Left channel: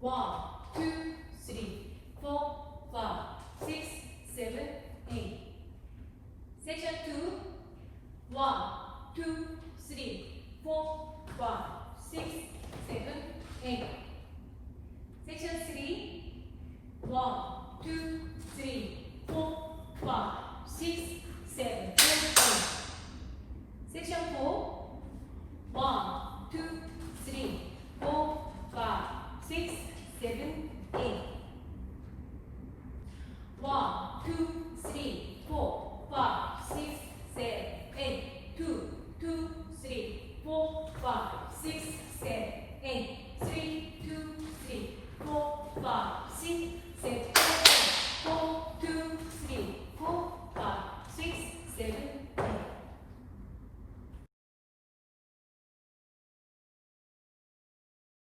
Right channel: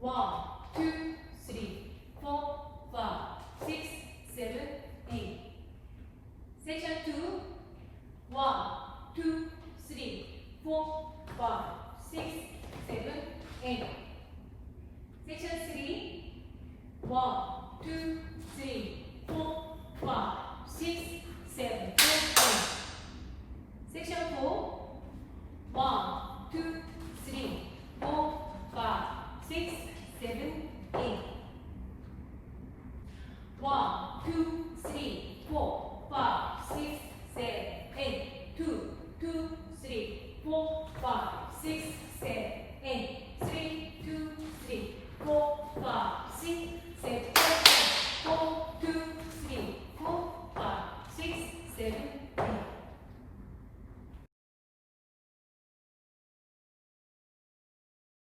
1, 2, 3, 4, 5, 6, 7, 8. Section 2. 1, 2, 3, 4, 5, 6, 7, 8. Section 3. 1, 2, 3, 4, 5, 6, 7, 8. Section 4.